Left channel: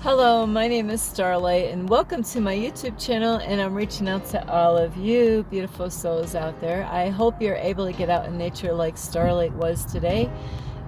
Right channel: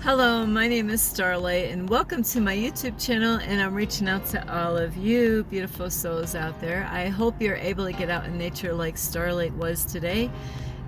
Hello, my name is Starlight and welcome to my YouTube channel, and I'm reaching out to all of you beautiful souls out there. I hope you're able to get out in nature like Starlight was today,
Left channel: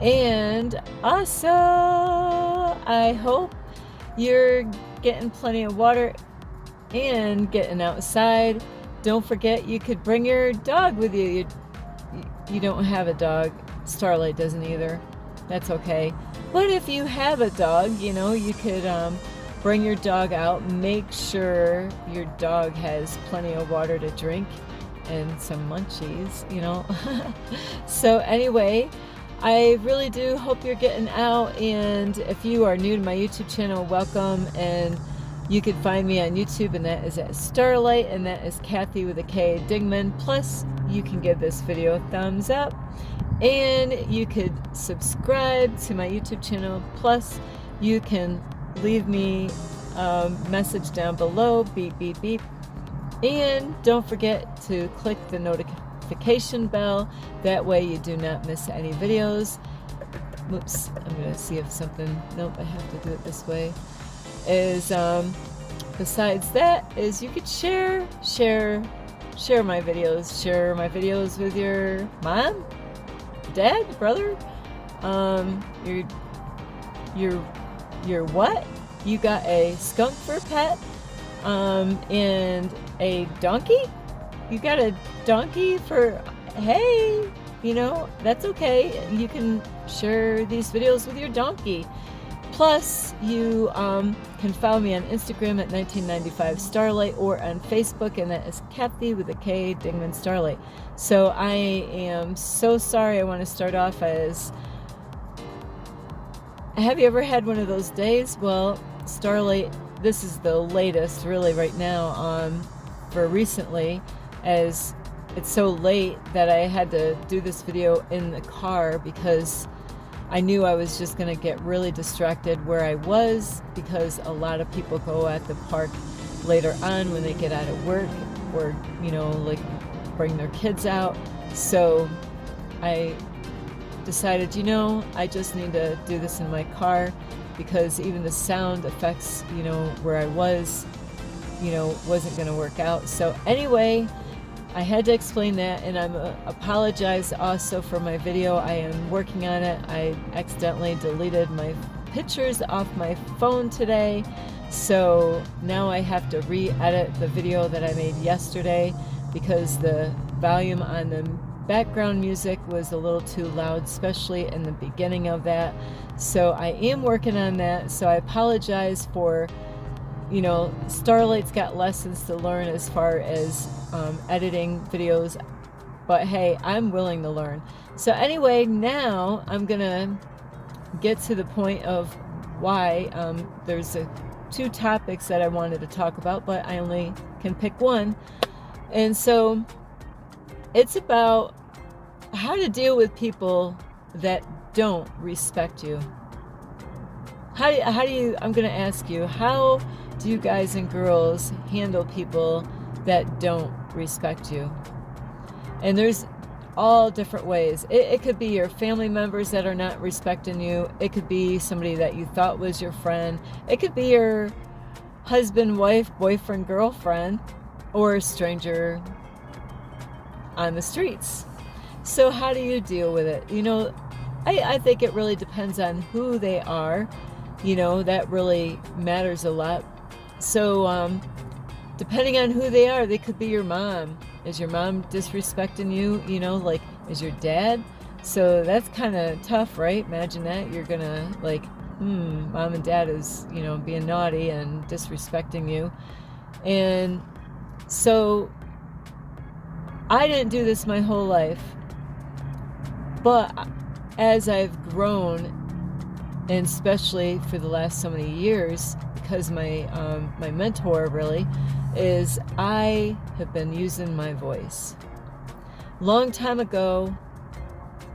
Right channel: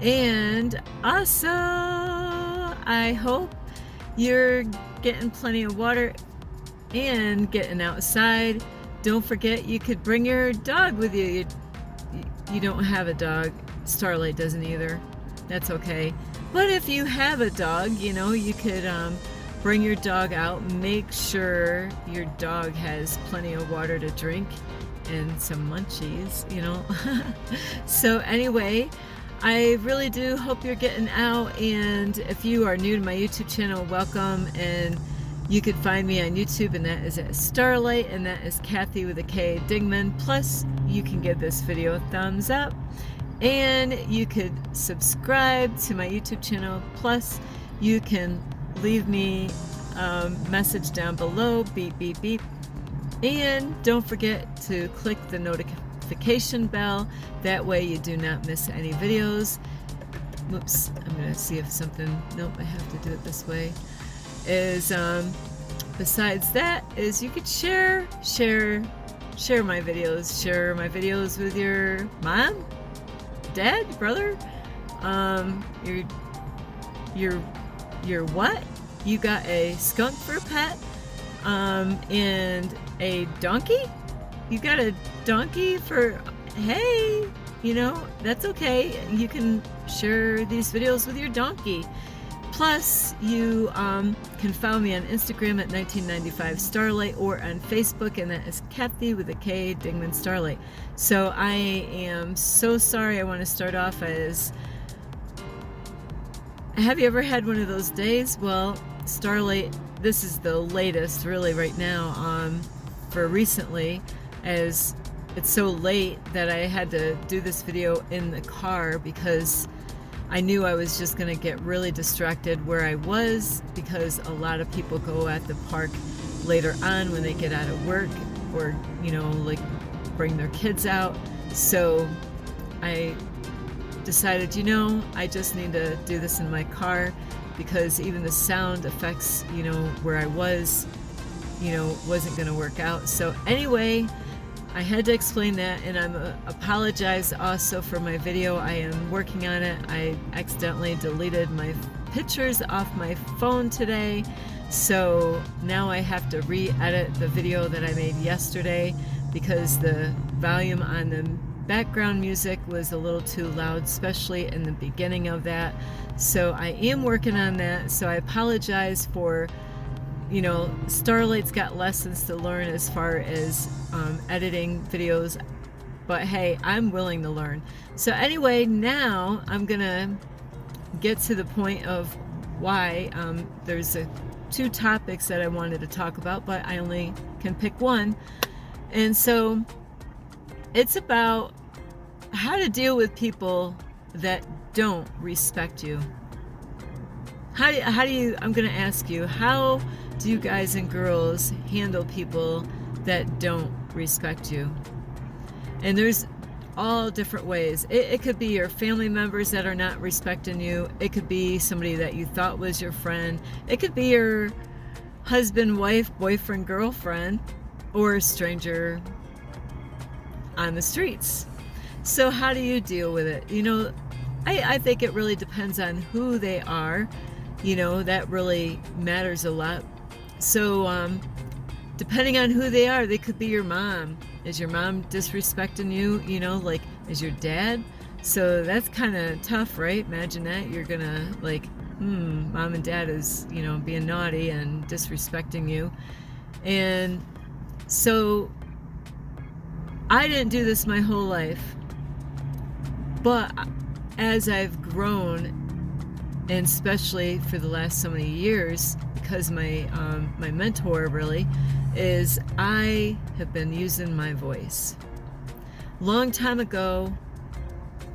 and also I hope you're getting plenty of water and getting outside. Don't forget you could bring your dog with you. You don't have a dog. Starlight doesn't either. That's okay. But if you have a dog, you could bring your dog out. Make sure your dog has plenty of water to drink and some munchies, So anyway, I really do hope you're getting out. And if you are new to my YouTube channel, welcome. And you could find me on YouTube, and that is at Starlight, and that is Kathy with a K, Dingman. Plus, you can give this video a thumbs up. And you could subscribe to my YouTube channel. Plus, you can leave me a message down below, beep, beep, beep. And don't forget to click the notification bell. That way you do not miss any videos. Oops, I'm going to see if something, nope, I have to do it this way. Besides that, you could share my videos with your mom, dad, brother, your what? You got a skunk for a pet, and a donkey? You got a donkey for, hey, that's okay. You can share these videos with your donkey. Plus, you can follow me on Instagram at 1995 Starlight, or on Facebook, and that is Kathy with a K, Dingman Starlight. So I am so sorry. I want to start off as, have you ever had one of those days? Well, Starlight, this is the latest really right now for recently, as it's so late that I had to do this video in the car because I knew I was just going to get really distracted where I was, because a lot of people go at the park later on when they get out of work, or, like bring their kids out. So I decided, I just need to do this in my car, because even the sound effects, where I was, wasn't going to work out. So anyway, I had to explain that, and I'm apologize also for my video. I am working on it. I accidentally deleted my pictures off my phone today, so now I have to re-edit the video that I made yesterday because the volume on the background music was a little too loud, especially in the beginning of that. So I am working on that, so I apologize for, Starlight's got lessons to learn as far as editing videos, but hey, I'm willing to learn. So anyway, now I'm gonna get to the point of why there's two topics that I wanted to talk about, but I only can pick one. And so it's about how to deal with people that don't respect you. How do you, I'm gonna ask you, how do you guys and girls handle people that don't respect you? And there's all different ways. It could be your family members that are not respecting you. It could be somebody that you thought was your friend. It could be your husband, wife, boyfriend, girlfriend, or a stranger on the streets. So how do you deal with it? I think it really depends on who they are. That really matters a lot. So depending on who they are, they could be your mom. Is your mom disrespecting you? Like, is your dad? So that's kind of tough, right? Imagine that. You're gonna mom and dad is, being naughty and disrespecting you. And so I didn't do this my whole life, but as I've grown, and especially for the last so many years, because my mentor really is, I have been using my voice. Long time ago,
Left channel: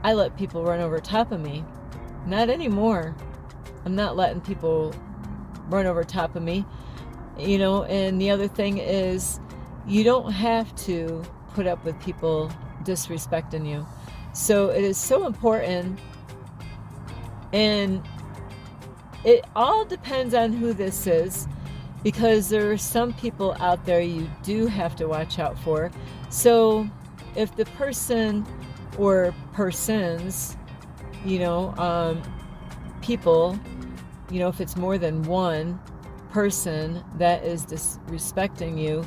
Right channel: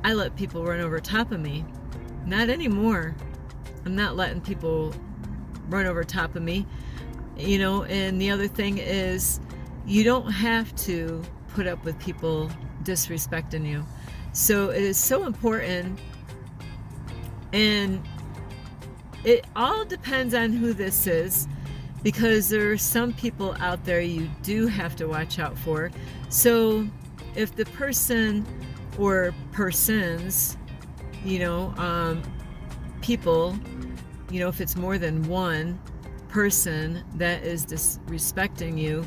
I let people run over top of me. Not anymore. I'm not letting people run over top of me. And the other thing is, you don't have to put up with people disrespecting you. So it is so important. And it all depends on who this is, because there are some people out there you do have to watch out for. So if the person or persons, people, if it's more than one person that is disrespecting you,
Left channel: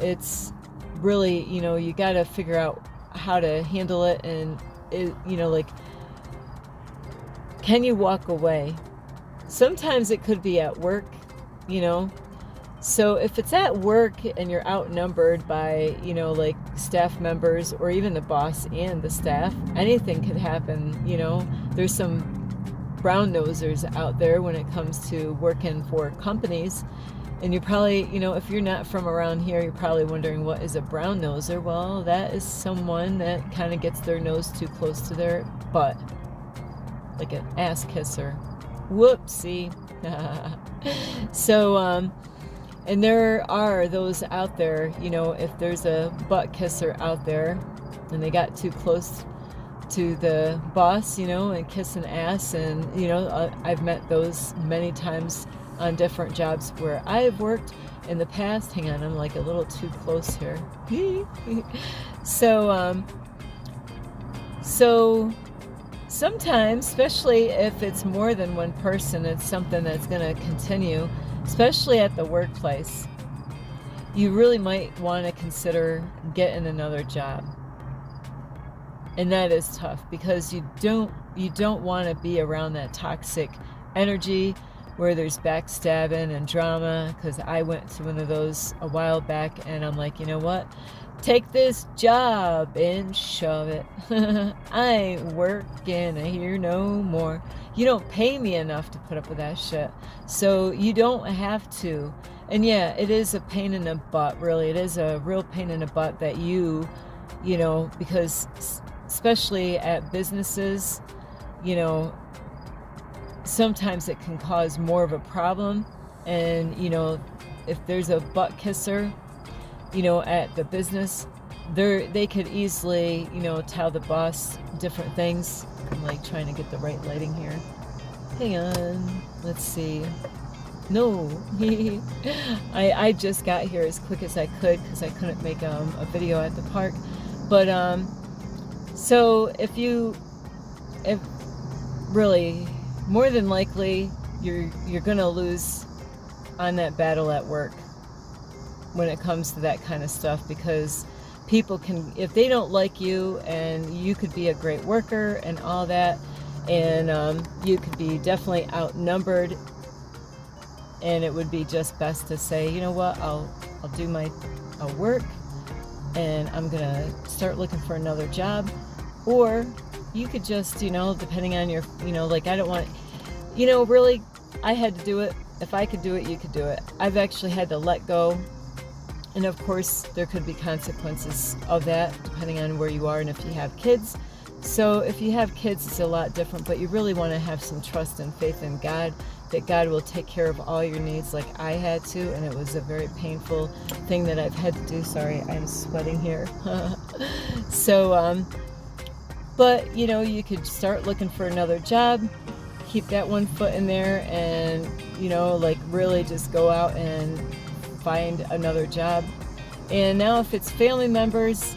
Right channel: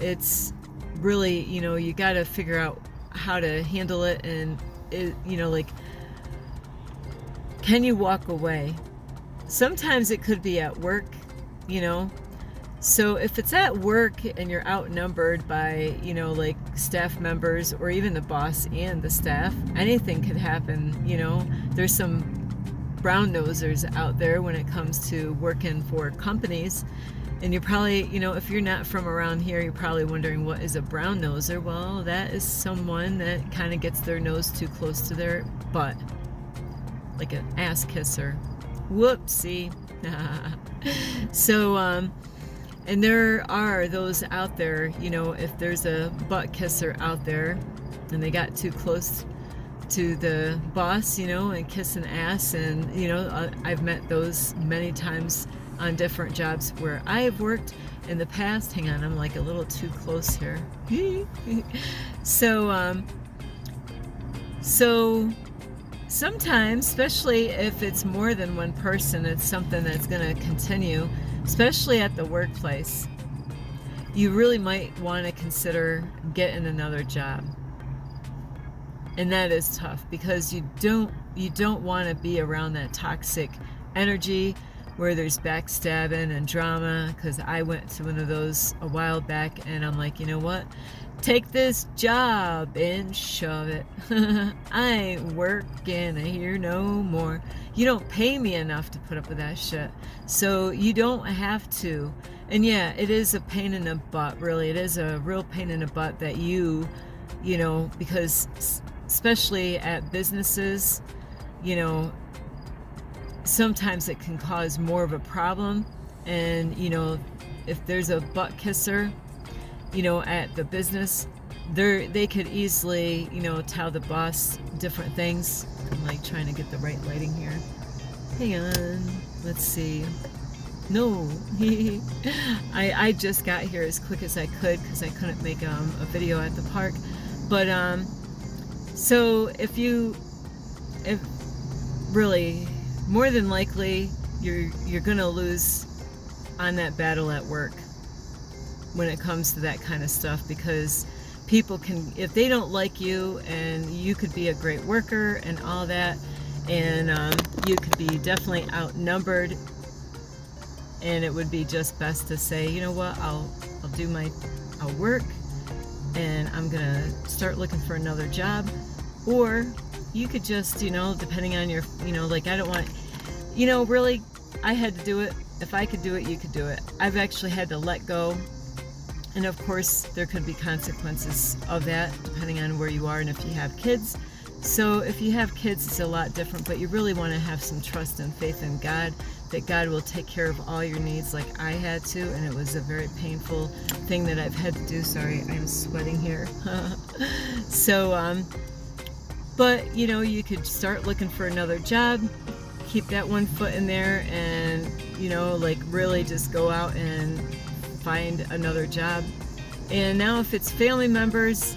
it's really, you got to figure out how to handle it. And like, can you walk away? Sometimes it could be at work, so if it's at work and you're outnumbered by, like staff members or even the boss and the staff, anything could happen. There's some brown nosers out there when it comes to working for companies. And you probably, if you're not from around here, you're probably wondering, what is a brown noser? Well, that is someone that kind of gets their nose too close to their butt, like an ass kisser. Whoopsie. So, and there are those out there, if there's a butt kisser out there and they got too close to the boss, and kissing ass. And, I've met those many times on different jobs where I have worked in the past. Hang on, I'm like a little too close here. So sometimes, especially if it's more than one person, it's something that's going to continue, especially at the workplace. You really might want to consider getting another job. And that is tough, because you don't want to be around that toxic energy where there's backstabbing and drama, because I went to one of those a while back, and I'm like, you know what? Take this job and shove it. I ain't working here no more. You don't pay me enough to put up with that shit. So you don't have to. And yeah, it is a pain in the butt, really. It is a real pain in the butt that because especially at businesses, sometimes it can cause more of a problem. And, if there's a butt kisser, at the business, they could easily, tell the boss different things. I'm like trying to get the right lighting here. Hang on, let's see. No, I just got here as quick as I could because I couldn't make a video at the park. But so if really, more than likely, you're gonna lose on that battle at work when it comes to that kind of stuff, because people can, if they don't like you, and you could be a great worker and all that, and you could be definitely outnumbered, and it would be just best to say, you know what, I'll do my work, and I'm gonna start looking for another job. Or you could just, depending on your, like, I don't want, really, I had to do it. If I could do it, you could do it. I've actually had to let go. And of course, there could be consequences of that, depending on where you are and if you have kids. So if you have kids, it's a lot different, but you really want to have some trust and faith in God, that God will take care of all your needs, like I had to. And it was a very painful thing that I've had to do. Sorry, I'm sweating here. So, but, you could start looking for another job, keep that one foot in there, and, like really just go out and find another job. And now if it's family members,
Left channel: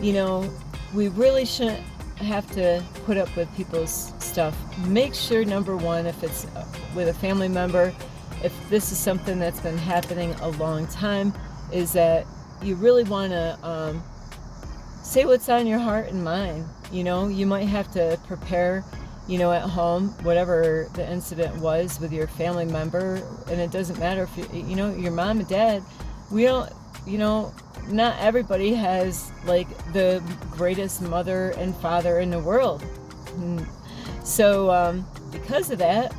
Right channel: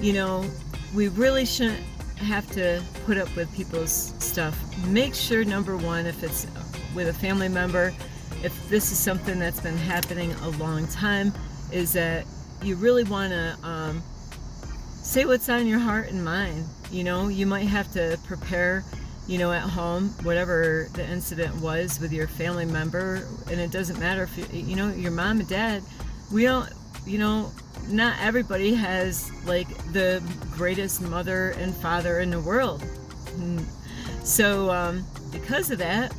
we really shouldn't have to put up with people's stuff. Make sure, number one, if it's with a family member, if this is something that's been happening a long time, is that you really want to say what's on your heart and mind. You might have to prepare, at home, whatever the incident was with your family member. And it doesn't matter if your mom and dad, we don't, not everybody has like the greatest mother and father in the world. So because of that,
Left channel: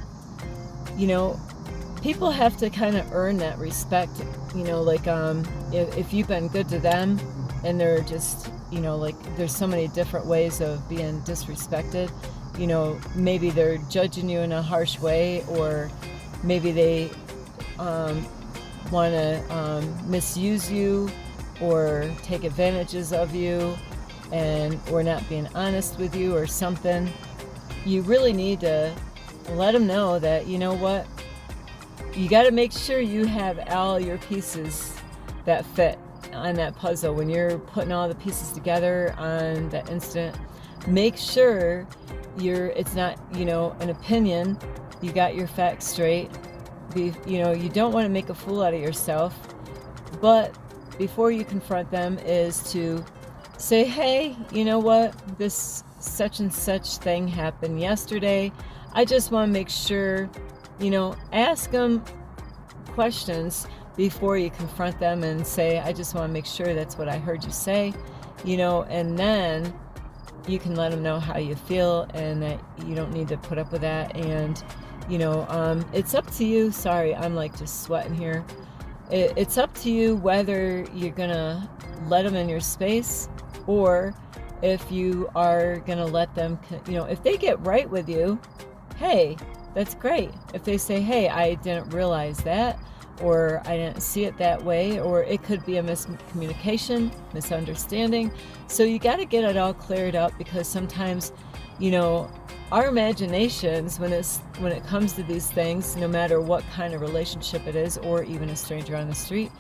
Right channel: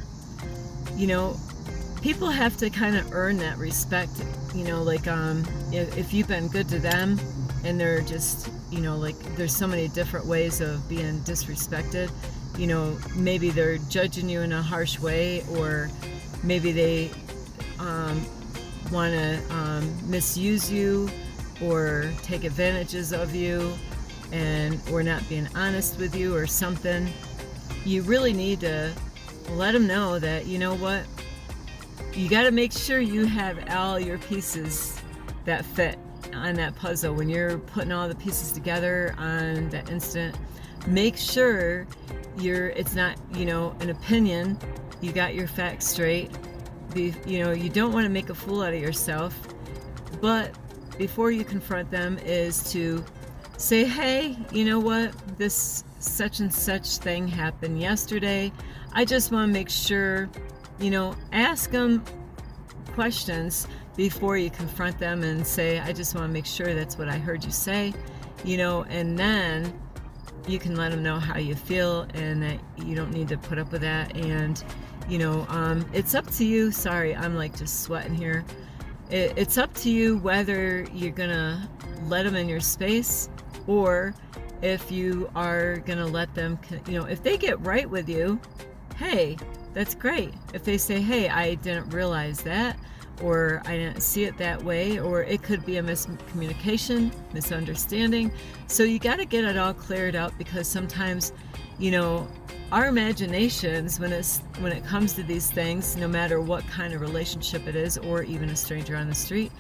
people have to kind of earn that respect. Like if you've been good to them, and they're just, like, there's so many different ways of being disrespected. Maybe they're judging you in a harsh way, or maybe they want to misuse you or take advantages of you, or not being honest with you or something. You really need to let them know that, you know what, you got to make sure you have all your pieces that fit on that puzzle. When you're putting all the pieces together on that instant, make sure it's not, an opinion. You got your facts straight. You don't want to make a fool out of yourself, but before you confront them is to say, hey, you know what, this such and such thing happened yesterday. I just want to make sure, ask them questions before you confront them and say, I just want to make sure that's what I heard you say, and then you can let them know how you feel and that you don't need to put up with that. And, it's up to you. Sorry, I'm like just sweating here. It's up to you whether you're going to let them in your space or if you are going to let them, if they get right with you, hey, that's great. If they say, hey, I didn't realize that, or I didn't see it that way, or it could be a miscommunication, misunderstanding. So you got to get it all cleared up, because sometimes, our imaginations, when it comes to these things, no matter what kind of relationship it is, or even a stranger on the street,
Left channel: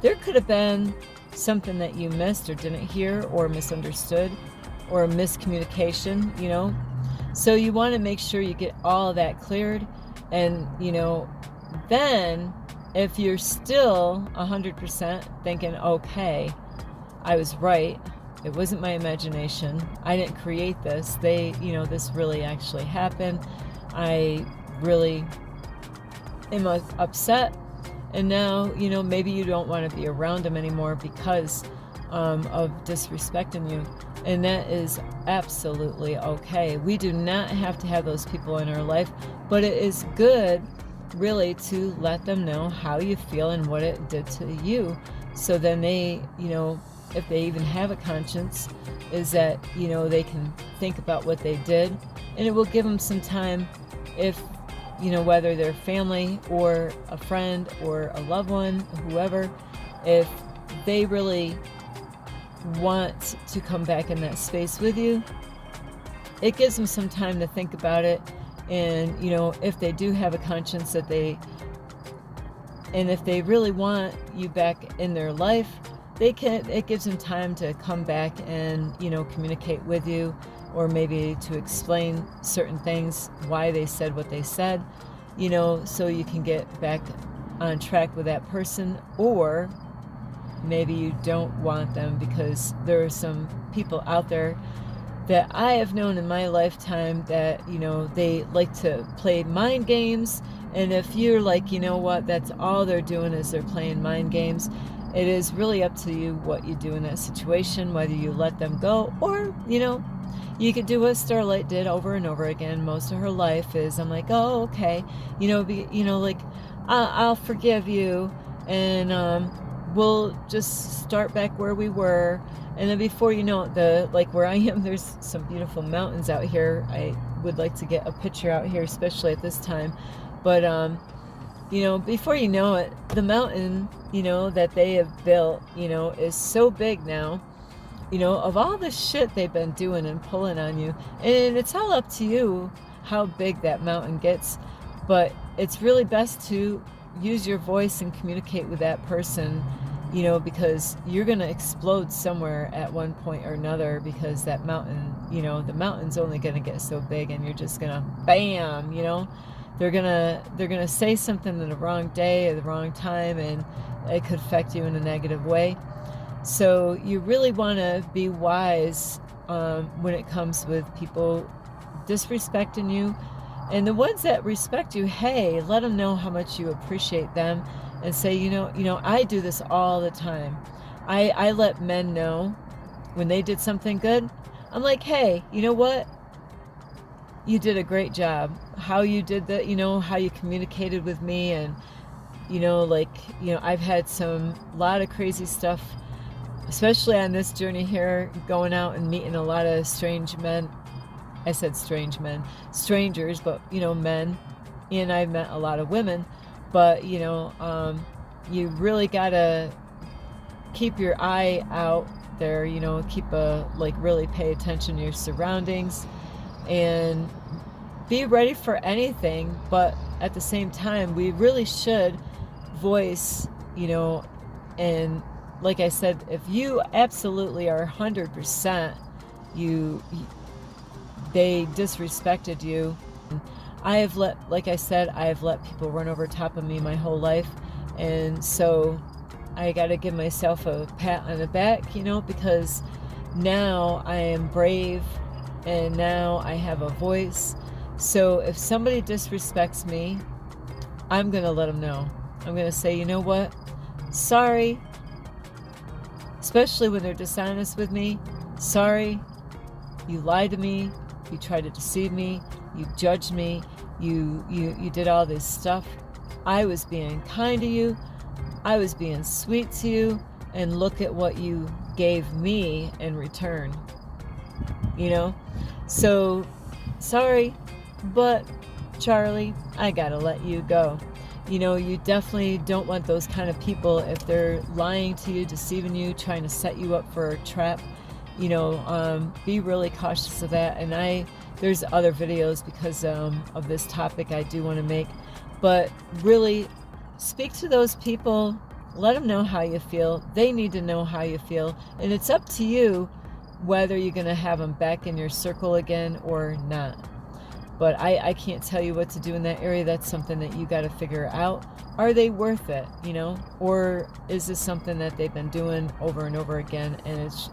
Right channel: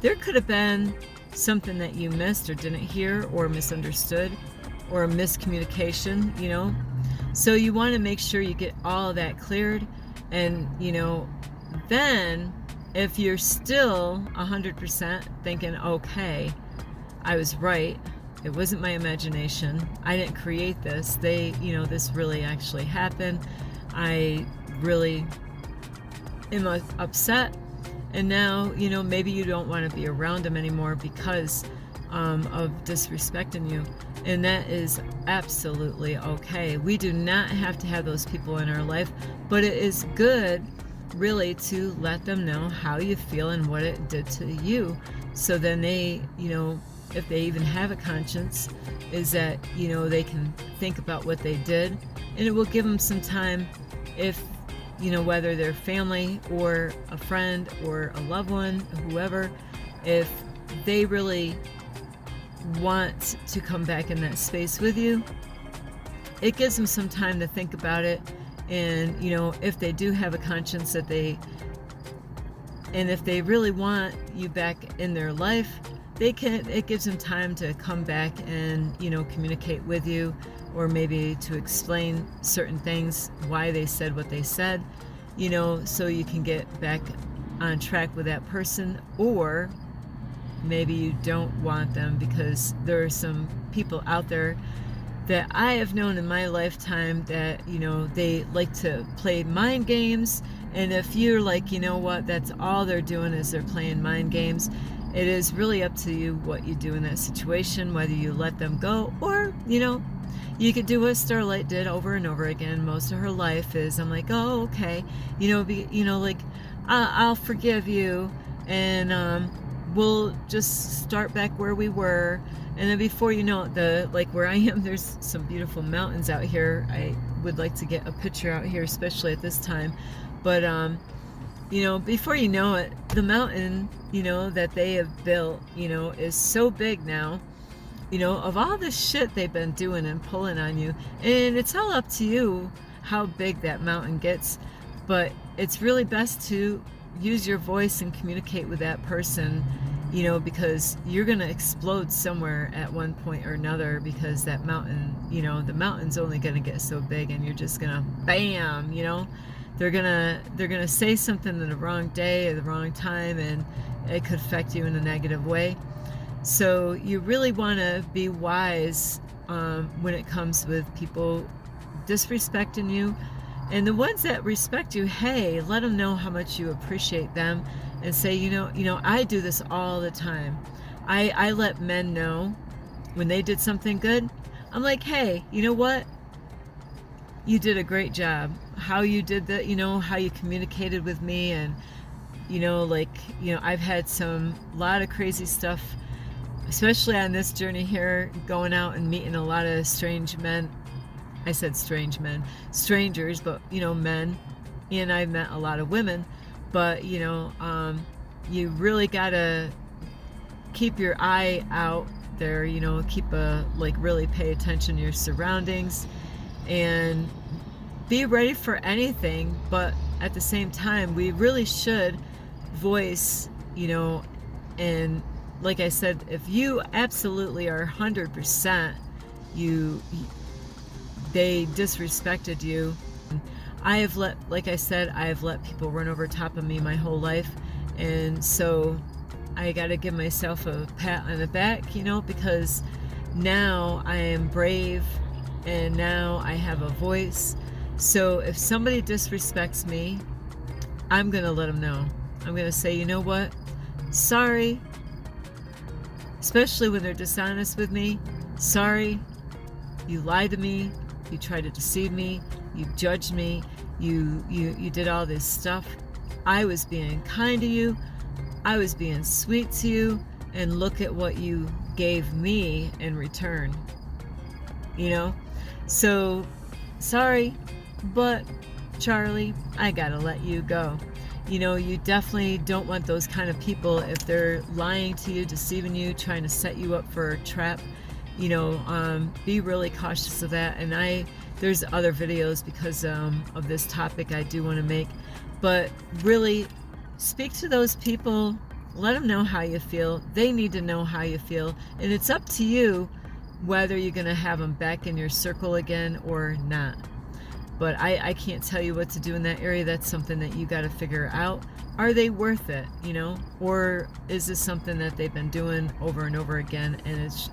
there could have been something that you missed or didn't hear or misunderstood or a miscommunication, So you want to make sure you get all of that cleared. And, then if you're still 100% thinking, okay, I was right, it wasn't my imagination, I didn't create this, this really actually happened, I really am upset, and now, maybe you don't want to be around them anymore because of disrespecting you. And that is absolutely okay. We do not have to have those people in our life, but it is good really to let them know how you feel and what it did to you. So then they, if they even have a conscience, is that, they can think about what they did, and it will give them some time, if, whether they're family or a friend or a loved one, whoever, if they really want to come back in that space with you, it gives them some time to think about it. And if they do have a conscience, and if they really want you back in their life, it gives them time to come back and communicate with you, or maybe to explain certain things, why they said what they said, so you can get back on track with that person. Or maybe you don't want them, because there are some people out there that I have known in my lifetime that, they like to play mind games. And if you're like, what, that's all they're doing is they're playing mind games, it is really up to you what you do in that situation, whether you let them go, or, you could do what Starlight did over and over again most of her life, is I'm like, oh, okay, like, I'll forgive you, and we'll just start back where we were. And then before you know it, like where I am, there's some beautiful mountains out here. I would like to get a picture out here, especially at this time. But, before you know it, the mountain, that they have built, is so big now, of all the shit they've been doing and pulling on you. And it's all up to you how big that mountain gets. But it's really best to use your voice and communicate with that person, because you're going to explode somewhere at one point or another, because that mountain, the mountain's only going to get so big, and you're just going to bam, they're going to say something in the wrong day or the wrong time, and it could affect you in a negative way. So you really want to be wise when it comes with people disrespecting you. And the ones that respect you, hey, let them know how much you appreciate them, and say, I do this all the time. I let men know when they did something good. I'm like, hey, you know what? You did a great job. How you did that, how you communicated with me, and, I've had a lot of crazy stuff, especially on this journey here, going out and meeting a lot of strange men. I said strange men, strangers, but, men. And I've met a lot of women, but, you really got to keep your eye out there, really pay attention to your surroundings. And be ready for anything, but at the same time, we really should voice, and like I said, if you absolutely are 100%, they disrespected you. Like I said, I have let people run over top of me my whole life, and so I got to give myself a pat on the back, because now I am brave and now I have a voice. So if somebody disrespects me, I'm going to let them know. I'm going to say, you know what? Sorry. Especially when they're dishonest with me. Sorry. You lied to me. You tried to deceive me. You judged me. You did all this stuff. I was being kind to you. I was being sweet to you. And look at what you gave me in return. So, sorry, but Charlie, I gotta let you go. You definitely don't want those kind of people if they're lying to you, deceiving you, trying to set you up for a trap. Be really cautious of that. And there's other videos because of this topic I do want to make. But really, speak to those people. Let them know how you feel. They need to know how you feel. And it's up to you whether you're going to have them back in your circle again or not. But I can't tell you what to do in that area. That's something that you got to figure out. Are they worth it, Or is this something that they've been doing over and over again? And it's,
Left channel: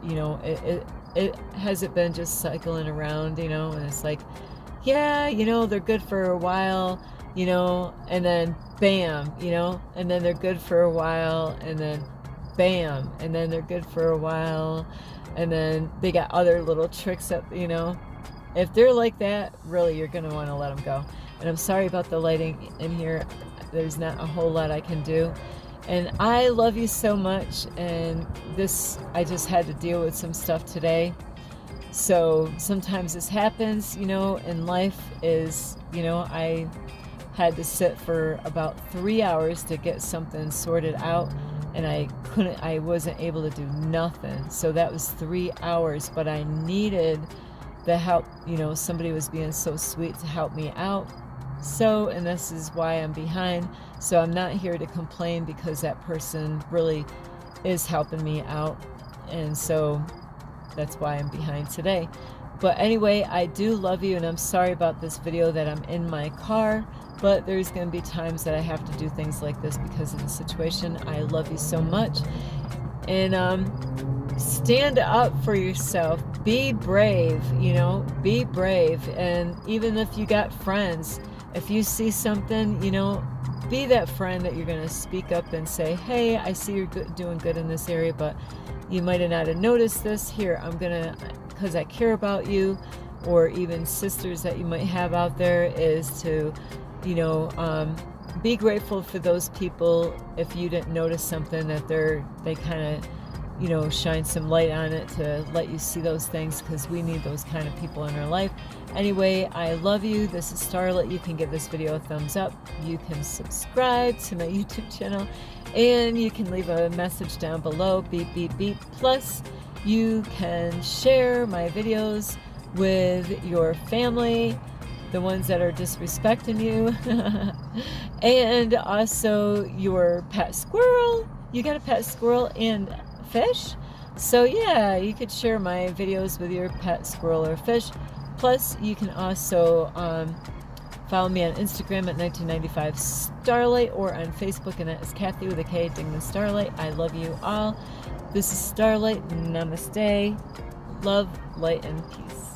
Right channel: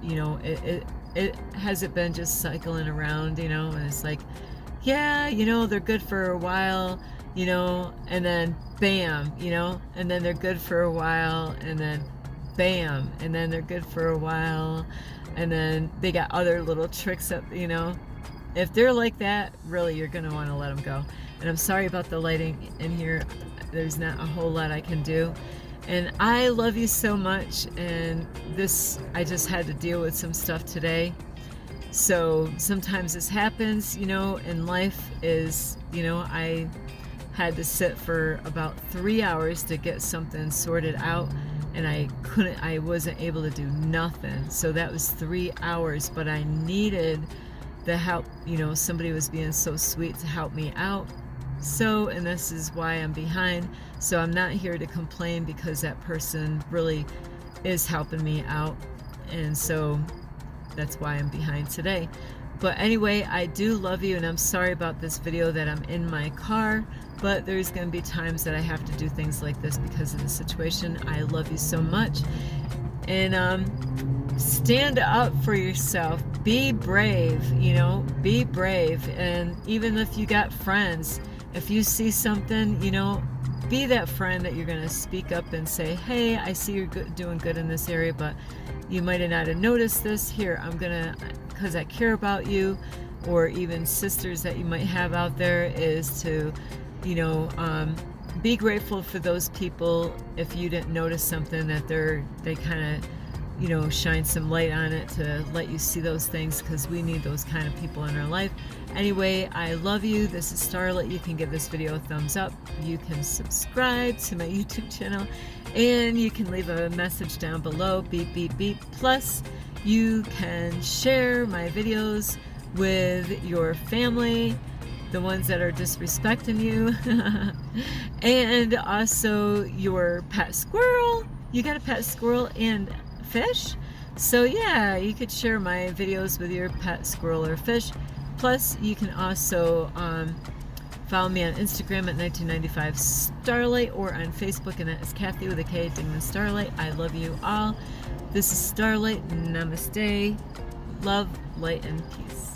it hasn't been just cycling around, and it's like, yeah, they're good for a while, and then bam, and then they're good for a while, and then bam, and then they're good for a while, and then they got other little tricks up, If they're like that, really, you're going to want to let them go. And I'm sorry about the lighting in here. There's not a whole lot I can do. And I love you so much. And I just had to deal with some stuff today. So sometimes this happens, in life is, I had to sit for about 3 hours to get something sorted out. And I wasn't able to do nothing. So that was 3 hours, but I needed the help. Somebody was being so sweet to help me out. So, and this is why I'm behind. So I'm not here to complain because that person really is helping me out. And so that's why I'm behind today. But anyway, I do love you, and I'm sorry about this video that I'm in my car, but there's going to be times that I have to do things like this because of the situation. I love you so much. And stand up for yourself. Be brave, be brave. And even if you got friends, if you see something, be that friend that you're going to speak up and say, hey, I see you're doing good in this area, but you might not have noticed this. Here, I'm going to, because I care about you. Or even sisters that you might have out there, is to, be grateful for those people. If you didn't notice something, that they kind of, shine some light on it to let you see those things, because we need those kind of people in our life. Anyway, I love you. This is Starlight. You can give this video a thumbs up. You can subscribe to my YouTube channel, and you can leave a message down below. Beep, beep, beep. Plus, you can share my videos with your family, the ones that are disrespecting you, and also your pet squirrel. You got a pet squirrel and fish? So yeah, you could share my videos with your pet squirrel or fish. Plus, you can also follow me on Instagram at 1995 Starlight, or on Facebook, and that is Kathy with a K, Dingman Starlight. I love you all. This is Starlight. Namaste. Love, light, and peace.